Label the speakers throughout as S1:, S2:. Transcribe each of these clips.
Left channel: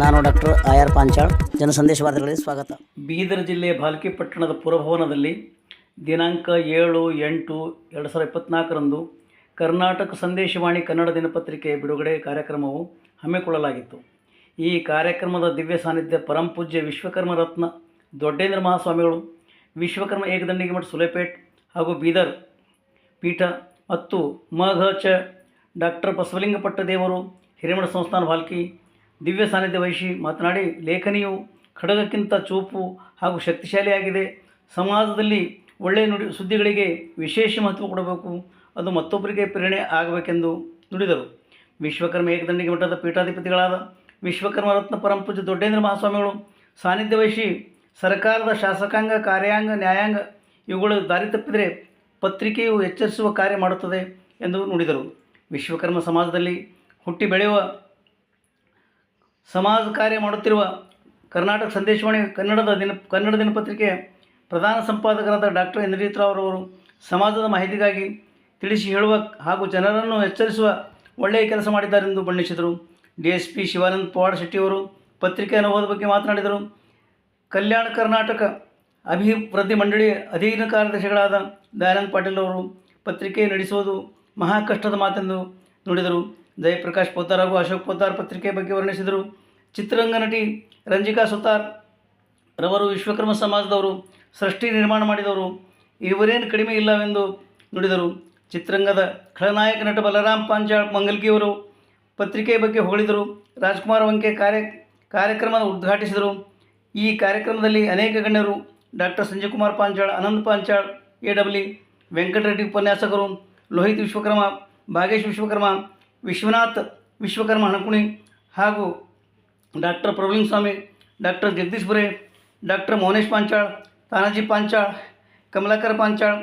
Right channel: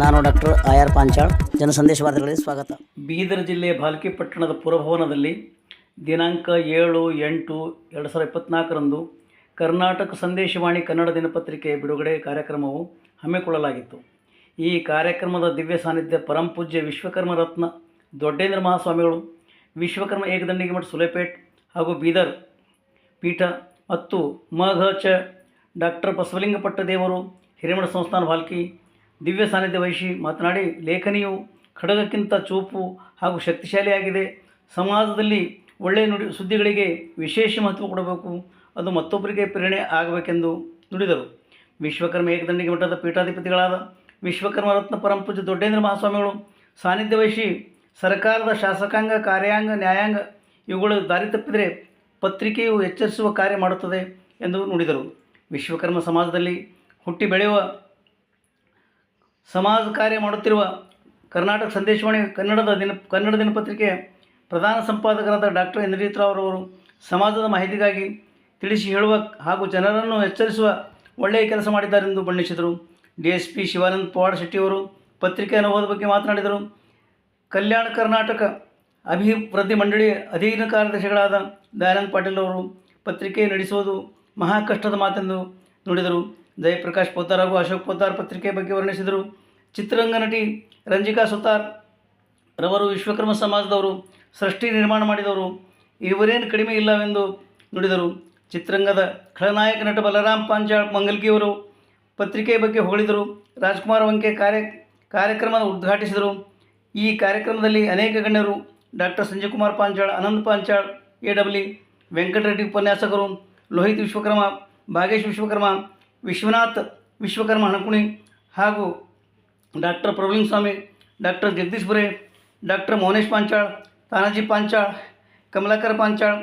S1: ನಾನು doctor R Panchal. Janasandesha ವಾರ್ತೆಗಳಿಗೆ ಸ್ವಾಗತ.
S2: ಬೀದರ್ ಜಿಲ್ಲೆಯ ಭಾಲ್ಕಿ ಪಟ್ಟಣದ ಪುರಭವನದಲ್ಲಿ ದಿನಾಂಕ ಏಳು ಎಂಟು ಎರಡು ಸಾವಿರದ ಇಪ್ಪತ್ತ್ನಾಲ್ಕರಂದು ಕರ್ನಾಟಕ ಸಂದೇಶವಾಣಿ ಕನ್ನಡ ದಿನಪತ್ರಿಕೆ ಬಿಡುಗಡೆ ಕಾರ್ಯಕ್ರಮವು ಹಮ್ಮಿಕೊಳ್ಳಲಾಗಿತ್ತು. ಈ ಕಾರ್ಯಕ್ರಮದ ದಿವ್ಯ ಸಾನ್ನಿಧ್ಯ ಪರಂಪೂಜ್ಯ ವಿಶ್ವಕರ್ಮ ರತ್ನ ದೊಡ್ಡೇಂದ್ರ ಮಹಾಸ್ವಾಮಿಗಳು, ವಿಶ್ವಕರ್ಮ ಏಕದಂಡಿಗೆ ಮಠ ಸುಲೇಪೇಟ್ ಹಾಗೂ ಬೀದರ್ ಪೀಠ ಮತ್ತು ಮಘ ಚ ಡಾಕ್ಟರ್ ಬಸವಲಿಂಗಪಟ್ಟ ದೇವರು ಹಿರೇಮಠ ಸಂಸ್ಥಾನ ಭಾಲ್ಕಿ ದಿವ್ಯ ಸಾನ್ನಿಧ್ಯ ವಹಿಸಿ ಮಾತನಾಡಿ, ಲೇಖನಿಯು ಖಡಗಕ್ಕಿಂತ ಚೂಪು ಹಾಗೂ ಶಕ್ತಿಶಾಲಿಯಾಗಿದೆ. ಸಮಾಜದಲ್ಲಿ ಒಳ್ಳೆಯ ನುಡಿ, ಸುದ್ದಿಗಳಿಗೆ ವಿಶೇಷ ಮಹತ್ವ ಕೊಡಬೇಕು. ಅದು ಮತ್ತೊಬ್ಬರಿಗೆ ಪ್ರೇರಣೆ ಆಗಬೇಕೆಂದು ನುಡಿದರು. ವಿಶ್ವಕರ್ಮ ಏಕದಂಡಿಗೆ ಮಠದ ಪೀಠಾಧಿಪತಿಗಳಾದ ವಿಶ್ವಕರ್ಮ ರತ್ನ ಪರಂಪೂಜ ದೊಡ್ಡೇಂದ್ರ ಮಹಾಸ್ವಾಮಿಗಳು ಸಾನ್ನಿಧ್ಯ ವಹಿಸಿ ಸರ್ಕಾರದ ಶಾಸಕಾಂಗ, ಕಾರ್ಯಾಂಗ, ನ್ಯಾಯಾಂಗ ಇವುಗಳು ದಾರಿ ತಪ್ಪಿದರೆ ಪತ್ರಿಕೆಯು ಎಚ್ಚರಿಸುವ ಕಾರ್ಯ ಮಾಡುತ್ತದೆ ಎಂದು ನುಡಿದರು. ವಿಶ್ವಕರ್ಮ ಸಮಾಜದಲ್ಲಿ ಹುಟ್ಟಿ ಬೆಳೆಯುವ ಸಮಾಜ ಕಾರ್ಯ ಮಾಡುತ್ತಿರುವ ಕರ್ನಾಟಕ ಸಂದೇಶವಾಣಿ ಕನ್ನಡದ ದಿನ, ಕನ್ನಡ ದಿನಪತ್ರಿಕೆಯ ಪ್ರಧಾನ ಸಂಪಾದಕರಾದ ಡಾಕ್ಟರ್ ಇಂದ್ರಜಿತ್ ರಾವ್ ರವರು ಸಮಾಜದ ಮಾಹಿತಿಗಾಗಿ ತಿಳಿಸಿ ಹೇಳುವ ಹಾಗೂ ಜನರನ್ನು ಎಚ್ಚರಿಸುವ ಒಳ್ಳೆಯ ಕೆಲಸ ಮಾಡಿದ್ದಾರೆಂದು ಬಣ್ಣಿಸಿದರು. D S P Shivananda Pawad ಶೆಟ್ಟಿಯವರು ಪತ್ರಿಕೆ ಅನುಭವದ ಬಗ್ಗೆ ಮಾತನಾಡಿದರು. ಕಲ್ಯಾಣ ಕರ್ನಾಟಕ ಅಭಿವೃದ್ಧಿ ಮಂಡಳಿ ಅಧೀನ ಕಾರ್ಯದರ್ಶಿಗಳಾದ ದಯಾನಂದ್ ಪಾಟೀಲ್ ಅವರು ಪತ್ರಿಕೆ ನಡೆಸುವುದು ಮಹಾ ಕಷ್ಟದ ಮಾತೆಂದು ನುಡಿದರು. ಜಯಪ್ರಕಾಶ್ ಪೋತಾರ್ ಹಾಗೂ ಅಶೋಕ್ ಪೋತಾರ್ ಪತ್ರಿಕೆ ಬಗ್ಗೆ ವರ್ಣಿಸಿದರು. ಚಿತ್ರರಂಗ ನಟಿ ರಂಜಿಕಾ ಸುತಾರ್ ರವರು ವಿಶ್ವಕರ್ಮ ಸಮಾಜದವರು, ಸೃಷ್ಟಿ ನಿರ್ಮಾಣ ಮಾಡಿದವರು ಇವರೇನು ಕಡಿಮೆ ಇಲ್ಲವೆಂದು ನುಡಿದರು. ಚಿತ್ರರಂಗದ ಖಳನಾಯಕ ನಟ ಬಲರಾಮ್ ಪಾಂಚಾಳ್ ಮಂಗಲ್ಗಿಯವರು ಪತ್ರಿಕೆ ಬಗ್ಗೆ ಹೊಗಳಿದರು. ರಾಜ್ಕುಮಾರ್ ವಂಕೆ ಕಾರ್ಯ ಕಾರ್ಯಕ್ರಮ ಉದ್ಘಾಟಿಸಿದರು. ಈ ಕಾರ್ಯಕ್ರಮದಲ್ಲಿ ಅನೇಕ ಗಣ್ಯರು doctor Sanjay Kumar Panchal Anant Panchal A W Venkatareddy ಉಪನ್ಯಾಸಕರು, ಲೋಹಿತ್ ವಿಶ್ವಕರ್ಮ, ಭಾಗೇಶ್ ವಿಶ್ವಕರ್ಮ ವಿಶ್ವನಾಥ್ ವಿಶ್ವಕರ್ಮ ಹಣಕುಣಿ ಹಾಗೂ doctor Prabhulinga Swamy doctor Jagadish Bure doctor Mounesh Panchal Tanaji Panchal Kamalakar Panchal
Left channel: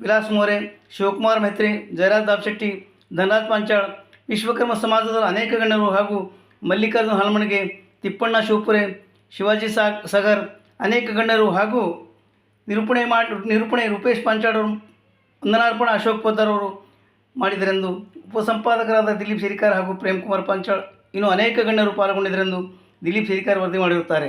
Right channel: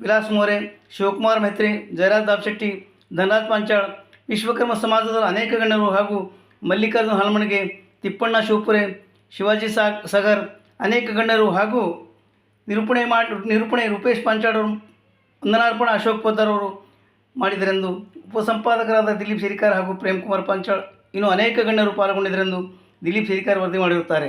S2: Vilas More Shivakumar Metre Jayaraj Dabashetti Dhanaraj Panchal Vishwakarma ಸಮಾಜದ ಅನೇಕ ಗಣ್ಯರು ಹಾಗೂ ಮಲ್ಲಿಕಾರ್ಜುನ ಹಲಮಣಿಗೆ ತಿಪ್ಪಣ್ಣ ಶಿವಪುರೆ ಶಿವಾಜಿ ಸಾಗ್ ಸಗರ್ ಅನೇಕ ಗಣ್ಯರು ಹಾಗೂ ನಿರೂಪಣೆ ಮಾಡಿ ನಿರೂಪಣೆ ರೂಪೇಶ್ ಪಾಂಚಾಳ್ ಅವರು ವಂದನಾರ್ಪಣ ಅಶೋಕ್ ಪೋತಾರ್ ಅವರು ಮಾಡಿದರೆಂದು ಉಪಸಂಪಾದಕರಾದ ದಿಲೀಪ್ ಸಿರಿಕಾರ್ ಹಾಗೂ ಪ್ರೇಮ್ ಕುಮಾರ್ ಪಾಂಚಾಳ್ ಇನ್ನು ಅನೇಕ ಗಣ್ಯರು ಪಾಲ್ಗೊಂಡಿದ್ದರೆಂದು ದಿಲೀಪ್ ಸಿರಿಕಾರ್ ವರದಿ ಮಾಡಿರುತ್ತಾರೆ.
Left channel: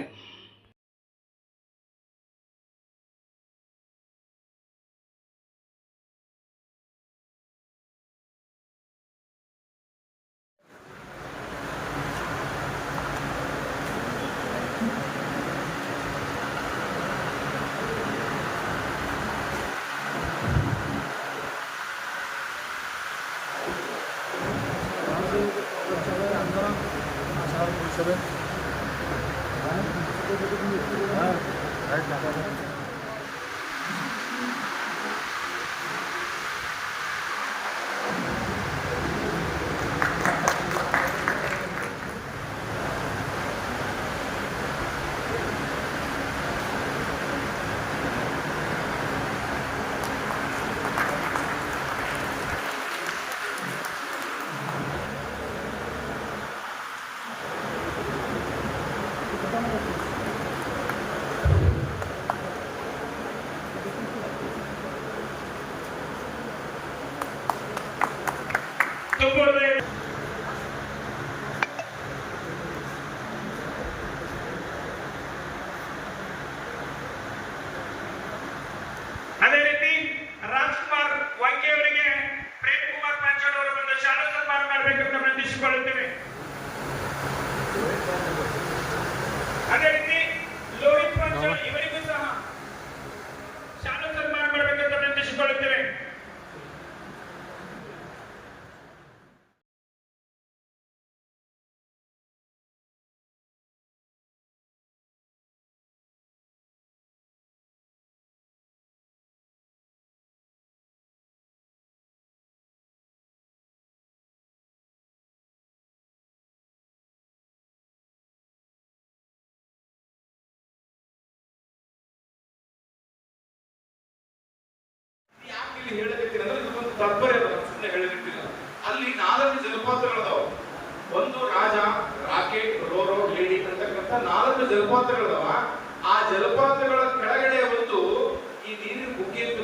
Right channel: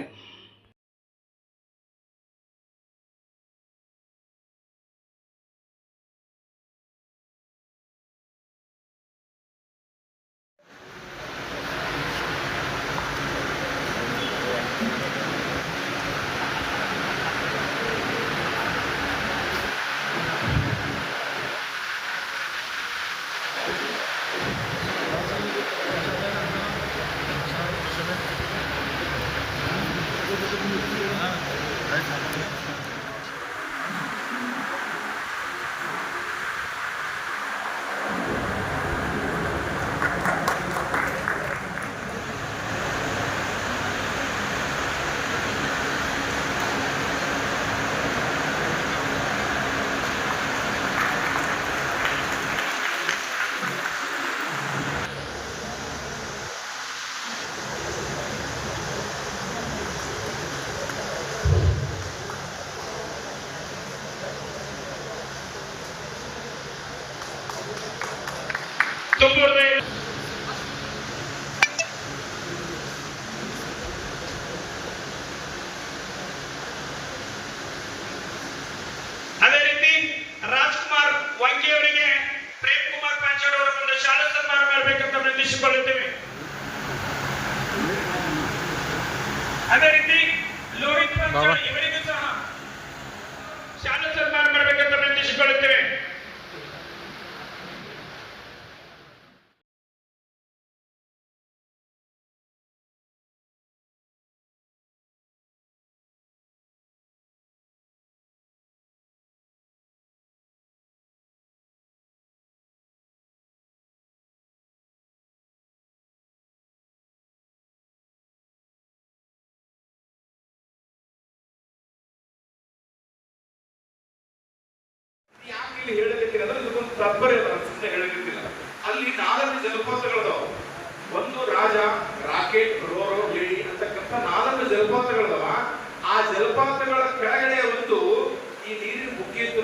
S3: ಅದೇ ರೀತಿ ರಾಜ್ಕುಮಾರ್ ವಾಂಗಿ ಅವರಿಗೆ ಪ್ರೇಮ್ ಕುಮಾರ್ ಅದೇ ರೀತಿ ಲೋಹಿತ್ ಪಾಂಚಾಳ್
S4: ತಾತ್ಪರ್ಯ ಅನಿಸುತ್ತೆ ಹೇಳಲಿಕ್ಕಿಲ್ಲ ಅಲ್ಲಿ ನಾಲ್ಕು ಜಲಪಾತಗಳದಾವ. ಒಂದು ರಾಜ, ರಾಕೆಟ್, ರೋರೋ, ಲೇಡಿ ಅಂತಕ್ಕಂಥ ನಾಲ್ಕು ಜಲಪಾತಗಳದಾವ. ಆ ಜಲಪಾತಗಳ ಕೆಳಗಡೆ ಒಂದು ಈ ನೀರಿನ ಬುಗ್ಗೆ ಅಂತ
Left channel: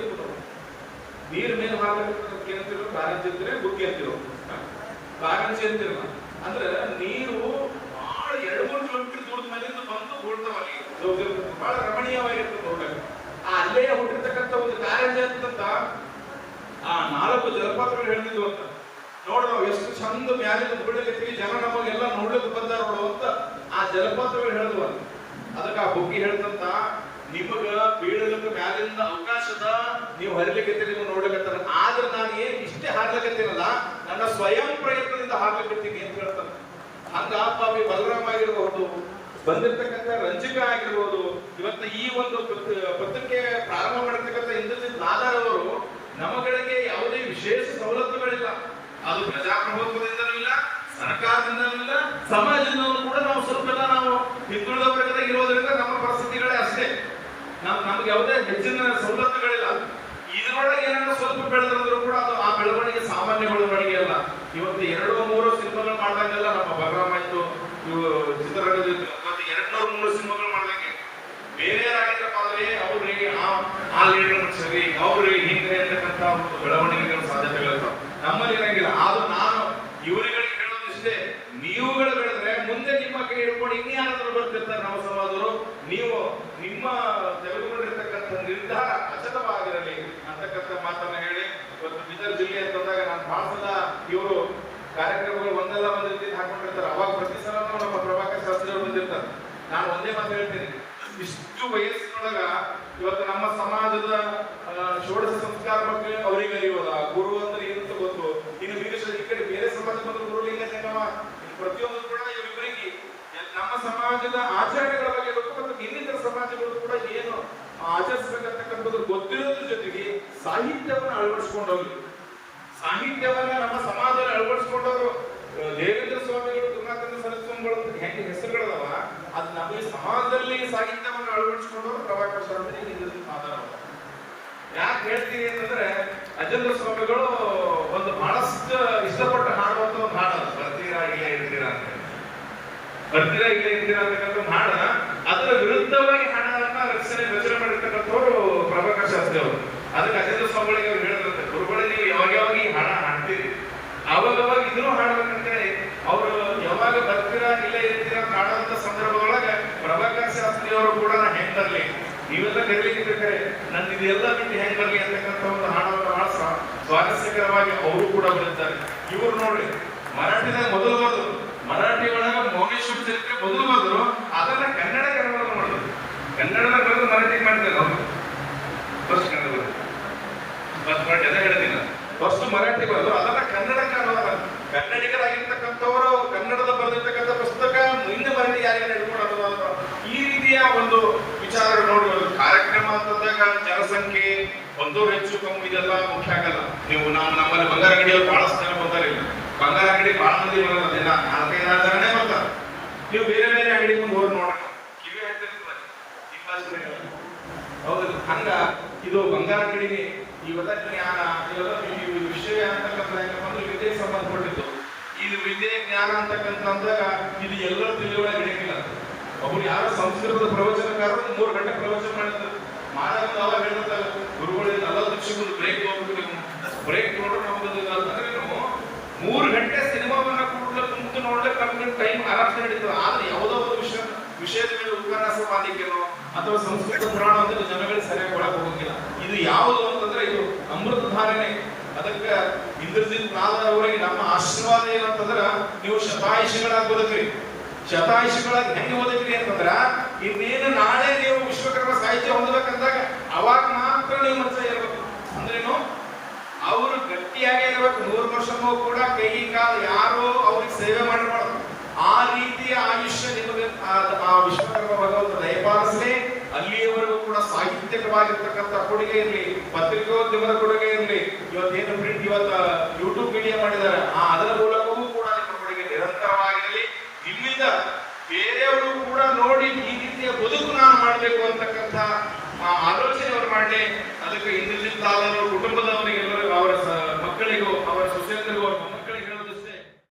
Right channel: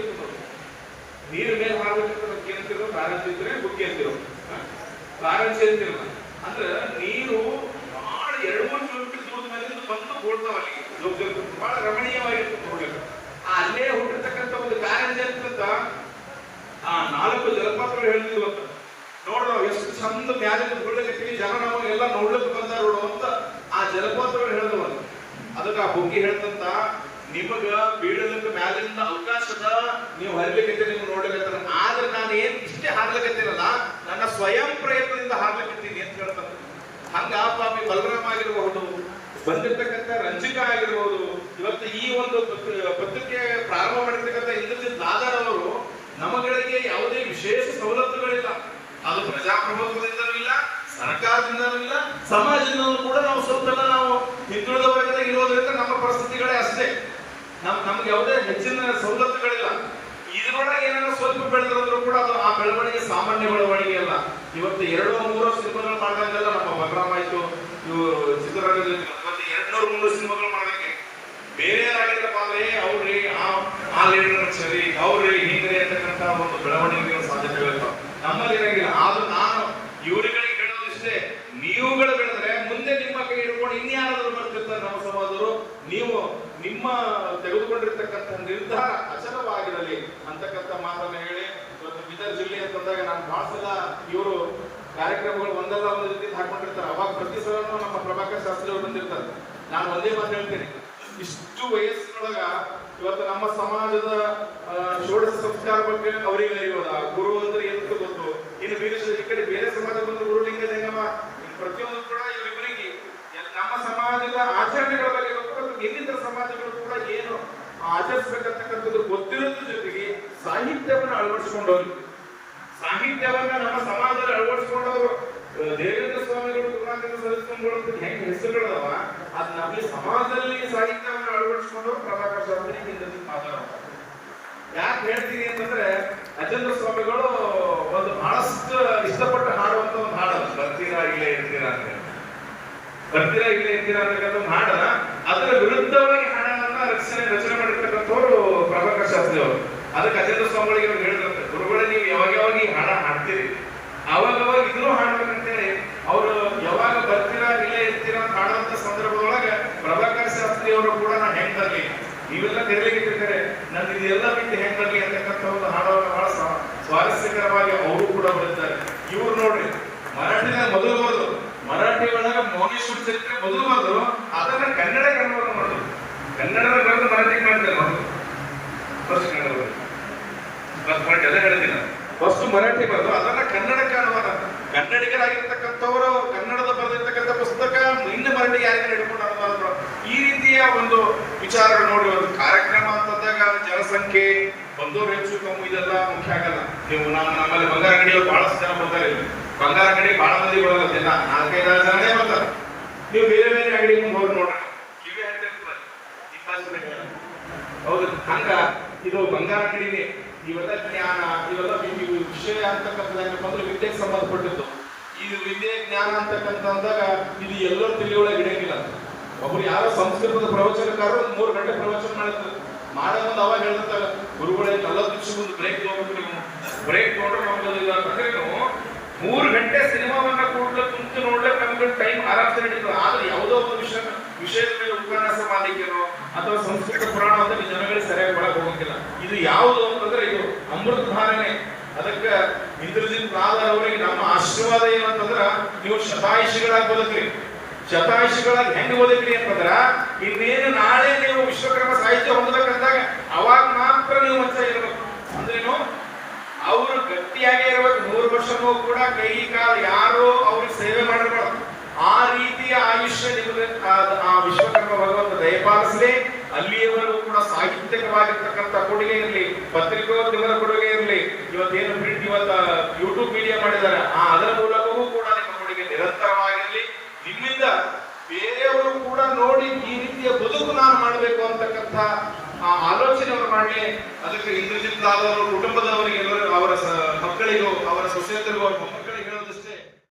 S4: ನೀರ್ ಮೇಲೆ ಹಾರ್ಬೇಕಂತ ಏನಂತಿರೋ ಕಾರಂಜಿ ಅಂತಿರೋ ಬುಗ್ಗೆ ಅಂತಿರೋ. ಕಾರಂಜಿ ಅಂತಿರಲ್ಲ ಅಂದ್ರೆ ನೀರು ಬಹಳ ಎರಡು ಮೂರು ಕೂಡ್ತಾವಲ್ಲಿ ಲೋಕದಲ್ಲಿ ಬಹಳ ರಮಣೀಯವಾಗಿರ್ತದೆ ನೋಡಕ್ಕೆ ಆ ಅಲ್ಲೇ ಹುಟ್ಟಿರ್ತಕ್ಕಂಥ ಒಂದು ಕಾರಂಜಿ ಅಂತ ಆ ನಾಲ್ಕು ಜಲಪಾತಗಳು ಹೇಳ್ತಿದ್ವು ಅಂತ ನೋಡ ನಾವು ಎಷ್ಟು ಚಂದ ಮ್ಯಾಲೆ ಬೀಳಕತ್ತೀವಿ ಜನ ನಮಗೆಲ್ಲ ನೋಡ್ಲಿಕ್ಕೆ ಬಂದಾರ ಅಂತ ಆ ಜಲಪಾತಗಳು ಹೇಳಿದ್ವ. ಅದಕ್ಕೆ ಆ ಹುಗ್ಗಿ ಹೇಳ್ತಂತ ನಿಮಗ ಬೀಳಲಿಕ್ಕೆ ಮ್ಯಾಲಿಂದ ಅವಕಾಶದ ನೀವು ಹರಿಲಿಕ್ಕೆ ನೀವು ನೋಡ್ಲಿಕ್ಕೆ ಆದ್ರೆ ನಾನು ಏನ್ ಇಷ್ಟೇ ಹಾರ್ಲಿಕ್ಕೆತ್ತೀನಲ್ಲ ನನ್ನ ಸ್ವಯಂ ಪ್ರಯತ್ನದಿಂದ ಹಾರ್ಲಿಕತ್ತೀನಿ ಅಂತ ಹೇಳ್ತಾನೆ ಹಂಗ ಪಾಪಿ ಬಲರಾಮ್ ಆಗಿರಬಹುದು, ಬಂದಿರ್ತಕ್ಕಂಥ ರಂಜಿಕಾ ಆಗಿರ್ಬೋದು, ಇವತ್ತು ಈ ಒಂದು ಪತ್ರಿ- ಪತ್ರಿಕೆ ಪ್ರಾರಂಭ ಮಾಡಿರ್ತಕ್ಕಂಥ ಇಂದ್ರಜಿತ್ ಲಾದರ್ ಅವರು ನಮಗಳಿಗೆ ಯಾವುದೇ ವಿಶೇಷ ಸವಲತ್ತುಗಳಿಲ್ಲ. ಅದು ಪ್ರಜಾಪ್ರಭುತ್ವದಿಂದಲೂ ಇಲ್ಲ, ಸರ್ಕಾರದಿಂದಲೂ ಇಲ್ಲ, ಸಮಾಜದಿಂದಲೂ ಕೂಡ ನಾವು ಸ್ವಲ್ಪ ನಾವು ಹಿಂದುಳಿದ ವರ್ಗದಾಗ ಇರೋದ್ರಿಂದ ನಮ್ಮ ಪರಿಸ್ಥಿತಿಗಳೇ ಅಷ್ಟೇ. ನಮ್, ನಮ್ಗೆ ಯಾವುದೇ ಹೆಚ್ಚಿನ ಸವಲತ್ತುಗಳಿಲ್ಲ. ಇದರೊಳಗೆ ಏನಾದ್ರು ಸ್ವಲ್ಪ ಬೆಳೆದ್ರು ಕೂಡ ಅದು ಆ ಬೆಳವಣಿಗೆ ಸಾಮಾನ್ಯ ಬೆಳವಣಿಗೆ ಅಲ್ಲ. ಇವತ್ತು ಎರಡು ಮೂರು ಸಿನಿಮಾಗಳು ಮಾಡ್ದಂಗೆಲ್ಲ ನಮ್ಮ ಬಲರಾಮ ಆಯ್ತು ಇವು ಚಿತ್ರರಂಗದಲ್ಲಿ ಮತ್ತೆ ಎರಡು ನೂರು ಮೂರು ಬೇರೆ ಏನಾಗಿದ್ರಪ್ಪ ಅಂದ್ರೆ ಅವ್ರಿಗೆ ಆ- ಲೀಡರ್ ಸರಿ ಅವ್ರಿ ಹಿಂದೆ ಇರ್ತಕ್ಕಂಥ ಒಂದು ಬೆಳವಣಿಗೆಗಳ ಸಾಧ್ಯತೆಗಳಿರ್ತಾವ. ನಮ್ಮಲ್ಲಿ ಇರಂಗಿಲ್ಲ. ಆದ್ರೂ ನಾನು ಇವರುಗಳಿಗೆ ಹೇಳೋದಿಷ್ಟೇ ನೀವುಗಳು ಬೆಳೆದ್ರೆ ಮುಂದೆ ನಿಮ್ಮ ಕೈ ಹಿಡ್ಕೊಂಡು ಇನ್ಯಾರಾದ್ರೂ ಬರ್ತಿರ್ತಾರೆ ನಮ್ಮ ಸಮಾಜದವರು. ನೀವು ನಿಮ್ಮ ತೆಗೆದುಕೊಂಡಿರ್ತಕ್ಕಂಥ ನಿರ್ಧಾರ ಅಚಲವಾಗಿರಲಿ ಅಂತಕ್ಕಂಥ ಮಾತನ್ನ ಹೇಳಿ, ಇವತ್ತು ಬಿದರ್ ಜಿಲ್ಲೆ ಅಂತ ಬಂದಾಗ ನಾನು ಬಹಳ ಸಲ ಇವರು ಕಾರ್ಯಕ್ರಮಗಳು ಒಂದಲ್ಲ ಒಂದು ರೀತಿ ಹಾಕೊಂಡಿರ್ತಾರೆ. ಅವಾಗ ಪ್ರತಿ ಸಲ ನಮ್ಮ ಪ್ರಭಾಕರ್ ಶಾಸ್ತ್ರಿ ಅವರು ಬಂದಿರ್ತಾರೆ. ನಾನು ಒಂದೇ ಮಾತು ಹೇಳ್ತೀನಿ. ಇಷ್ಟು ವಯಸ್ಸಿನೊಳಗ ಇವತ್ತು ನಮ್ಮ ಸಮಾಜದ ಷೋಡಶ ಸಂಸ್ಕಾರ ಬಗ್ಗೆ ಅವರಿಗೆ ಅರಿಯೋದ ಗುರು ಅಂದ್ರೆ ಏನು ಅಂತ ಗೊತ್ತು. ಇನ್ನು ಬೇರೆ ಈ ಕಡೆ ಬೇರೆ ಸಮಾಜದ ಗುರುಲಿಂಗ ಜಂಗಮ ಪ್ರತಿಯೊಂದು ಕೂಡ ಇವರಿಗೆ ಎಲ್- ನಮ್ಮ ಸಮಾಜದ ಆಚರಣೆಗಳ ಬಗ್ಗೆ ಗೊತ್ತು ಮತ್ತು ಇನ್ನಿತರ ಸಮಾಜಗಳು ಕೂಡ ಏನು ಆಚರಿಸಬೇಕಂತಕ್ಕಂಥದ್ದು ಗೊತ್ತಿರೋದ್ರ ಜೊತೆಗೆ ಸಾಹಿತ್ಯವನ್ನು ಅಳವಡಿಸ್ಕೊಂಡವ್ರು ಸಾಹಿತ್ಯವನ್ನ ನಮ್ಮ ಸಮಾಜದಲ್ಲಿ ಅಳವಡಿಸ್ಕೊಂಡವರು ಅಹ್, ದೇವೇಂದ್ರ ಸ್ವಾಮಿಗಳು ಅಂತ ಹೆಂಗೆ ಹೆಸರುಗಳದವ ಅದ್ ನಮಗೆ ಸಮಾಜದಲ್ಲಿ ಸಾಹಿತ್ಯವನ್ನು ಅಳವಡಿಸಿಕೊಂಡು ಪ್ರಭಾಕರ್ ಶಾಸ್ತ್ರಿ ಹಿಂದಿನ ಮಾತಾಡೋದು ಯಾಕೆ ಹೇಳ್ತೀನಿ ಅಂತಂದ್ರೆ ಅಜೇಂದ್ರ ಸ್ವಾಮಿಗಳು ಒಂದು ಬಹಳಷ್ಟು ಇಷ್ಟಪಟ್ಟು ಹಾಡುವಂತ ಒಂದು ಹಾಡಲ್ಲ ಬರ್ತೀರಾ ಇಲ್ಲೇ ಇರ್ತೀರಾ ಅಂತ. ಬರ್ತೀರಾ ಇಲ್ಲೇ ಇರ್ತೀರಾ ಅಂತಕ್ಕಂಥ ಒಂದು ಹಾಡ ಅದರ ವಿರುದ್ಧವಾಗಿ ಹಾಡನ್ನ ರಚನೆ ರಚನೆ ಮಾಡಿರ್ತಕ್ಕಂಥವ್ರು ಪ್ರಭಾಕರ್ ಶಾಸ್ತ್ರಿ ಅವರು ಅದಕ್ಕೆ ಅಜೇಂದ್ರ ಸ್ವಾಮಿಗಳಿಗೆ ಅವ್ರು ಹೇಳಿದ್ರಂತೆ ಗುರುಗಳೇ ನೀವು ಯಾವಾಗ ಯಾವಾಗ ಈ ಹಾಡ ಹಾಡ್ತೀರಿ ಅವಾಗ ಅವಾಗ ಇದನ್ನು ಹಾಡ್ಬೇಕಂತೇಳಿ ಅವರು ಯಾವಾಗ ಬರ್ತೀರಾ ಇಲ್ಲೇ ಇರ್ತೀರಾ ಅಂತ ಹಾಡುವಂತ ಸಂದರ್ಭದೊಳಗ ಪ್ರಭಾಕರ್ ಶಾಸ್ತ್ರಿ ಅವರು ಕೂಡ ನಾ ಹೆಂಗ್ ಬರ್ಲಿ ನೀವೆಲ್ಲ ಕರೀಲಿಕ್ಕೆ ನನ್ನ ನನ್ ಇದೆಲ್ಲ ಬಿಟ್ಟು ಹೆಂಗ್ ಬರಲಿ ಅಂತಕ್ಕಂಥ ಒಂದು ಹಾಡವನ್ನು ಬಹಳ ಸ್ವಾ- ಸ್ವಾರಸ್ಯಕರವಾಗಿ ಅವರು ಕೂಡ ಬರುತ್ತಾರೆ ಇವ್ರು ನೋಡ್ರಿ, ಮರಾಠಿದಾಗ ಮೊದಲು ಬರೋದು ಮರಾಠಿ ಒಳಗ ಮೌನೇಶ್ವರ ಚರಿತ್ರೆ ಮೊದಲು ಬರೆದ್ರು ಅದನ್ನ ಕನ್ನಡ ಕನ್ನಡ ಮಾಡೋದು. ಕನ್ನಡದ ಬರೆದು ಮರಾಠಿಗೆ ಮಾಡಿದ್ದಾರೆ ಅವರು. First Kannada first first Marathi ಬರೆದು ಅದನ್ನ ಕನ್ನಡಕ್ಕೆ ಅನುವಾದ ಕನ್ನಡಿಗರಾಗಿರ್ತಕ್ಕಂಥವರು, ಕನ್ನಡದ ಬರೆದಿರ್ತಕ್ಕಂಥ ಪುಸ್ತಕ ಹಿಂದೆ ಮರಳಿ ಯಾರಿಗೆ ಹಿಡ್ಕೊಂಡು ಅನುವಾದ ಈ ರೀತಿಯ ಒಂದು ವಿಚಾರ ನೋಡಿ, ಒಂದು ಕಾರ್ಯಕ್ರಮ ಅಂತಂದಾಗ ಜನಸಂಖ್ಯೆ ಒಂದೋ ಹೆಚ್ಚು ಕಮ್ಮಿ ಇದೆಲ್ಲ ಮುಖ್ಯ ಆಗಲ್ಲ. ನೀವು ನಮ್ಮ ನಮ್ಮಲ್ಲಿ ಬಂಗಾರ ಅಂಗಡಿಯವರು ಬಹಳಷ್ಟು ಜನ ಬರ್ತಾರೆ. ಬಂಗಾರ ಅಂಗಡಿ ಬಹಳ ಮಂದಿ ಬರಲ್ಲ ದಿನ ನಾಲ್ಕೈದಾರು ಜನನೇ ಬರ್ತಾರೆ. ನೀವು ಬೇರೆ ಬೇರೆ ಅಂಗಡಿ ಮುಂದೆ ಹೋಗಿ ನೋಡ್ರಿ. ಕಿವಿ. ಹೌದು ಹಂಗ ಇದು ಬಂಗಾರ ಅಂಗಡಿನೇ ಇವೆಲ್ಲ ಜ್ಞಾನ ಇವೆಲ್ಲ ವಿಷಯ ಅಂತಕ್ಕಂಥದ್ದು ಅಂದ್ರೆ ವಿದ್ಯೆಗೆ ಸಂಬಂಧಪಟ್ಟಿದ್ದು. ಇದು ವಿದ್ಯೆ, ಜ್ಞಾನ ಅಂತಕ್ಕಂಥದ್ದಾಗ ಇದು ಎಲ್ಲರ ತಿಳಿಯೊಳಗೆ ಹಿಡಿಯಂಗಿಲ್ಲ. ಒಬ್ರು ಯಾರೋ ಸಂಸ್ಕೃತದ ಪ್ರವಚನಕಾರರು ಮೂರು ಗಂಟೆ ಪ್ರವಚನ ಮಾಡಿದ್ರು. ಮಾಡೋ ಒಂದು ಅವಾಗ ಹೇಳ್ತಾರೆ ಗುರುಗಳೇ ನಲವತ್ತು ನಿಮಿಷಕ್ಕೆ ಒಂದು ಬ್ರೇಕ್ ತಗೊಂಡು ನೀವು ಬ್ರೇಕ್ ತಗೊಂಡ್ರೆ ನಮಗೆ ಅಂದ್ರೆ ಮೂರು ಗಂಟೆ ಸಿನಿಮಾವನ್ನ ಕೂಡಲೇ ಕುಂತು ನೋಡ್ಲಿಕ್ಕೆ ನಮ್ಗೆ ಟೈಮ್ ಆರಾಮ್ಸೆ ನಡೀತದೆ. ಆದ್ರೆ ಯಾವುದೋ ಒಂದು ವಿಷಯ ವಿಷಯದ ಮೇಲೆ ಉಪನ್ಯಾಸ ಮಾಡಲಿಕ್ಕೆನೋ ಅಥವಾ ಸಂಸ್ಕೃತ ಪುರಾಣ ಅಂದ್ರೆ ಜನಗಳಿಗೆ ಸರಿಯಾಗಿ ಒಳಗೆ ಹೋಗಂಗಿಲ್ಲ ಇದು ಯಾವುದು ಅಂತಂದ್ರೆ ಇದು ಅಮೃತ ಧಾರಣೆ. ಅದಕ್ಕೆ ಇಂದ್ರಜಿತ್ ನಾದರ್ ಅವರಿಗೆ ನಮ್ಮ ಆಶೀರ್ವಾದ ಏನಂತಂದ್ರ ನೀವು ಶತಾಯುಷಿಗಳಾಗಿ ಬದುಕ್ರಿ. ಶತಾಯುಷಿಗಳಾಗಿ ಹೆಂಗ್ ಬದುಕ್ರಿ ಅಂತಂದ್ರ, ಇನ್ನೇನು ನಾಳೆ ನೀವು ವಿಶ್ವಕರ್ಮ ಸಾಹಿತ್ಯ ಹೊಂದಬೇಕಂದಾಗ, ಅವಾಗ ಮಾತ್ರ ನೀವು ಯೂಟ್ಯೂಬ್ ಮೀಡಿಯಾ ಮಾಡಿದ್ದಾರೆ. ಆ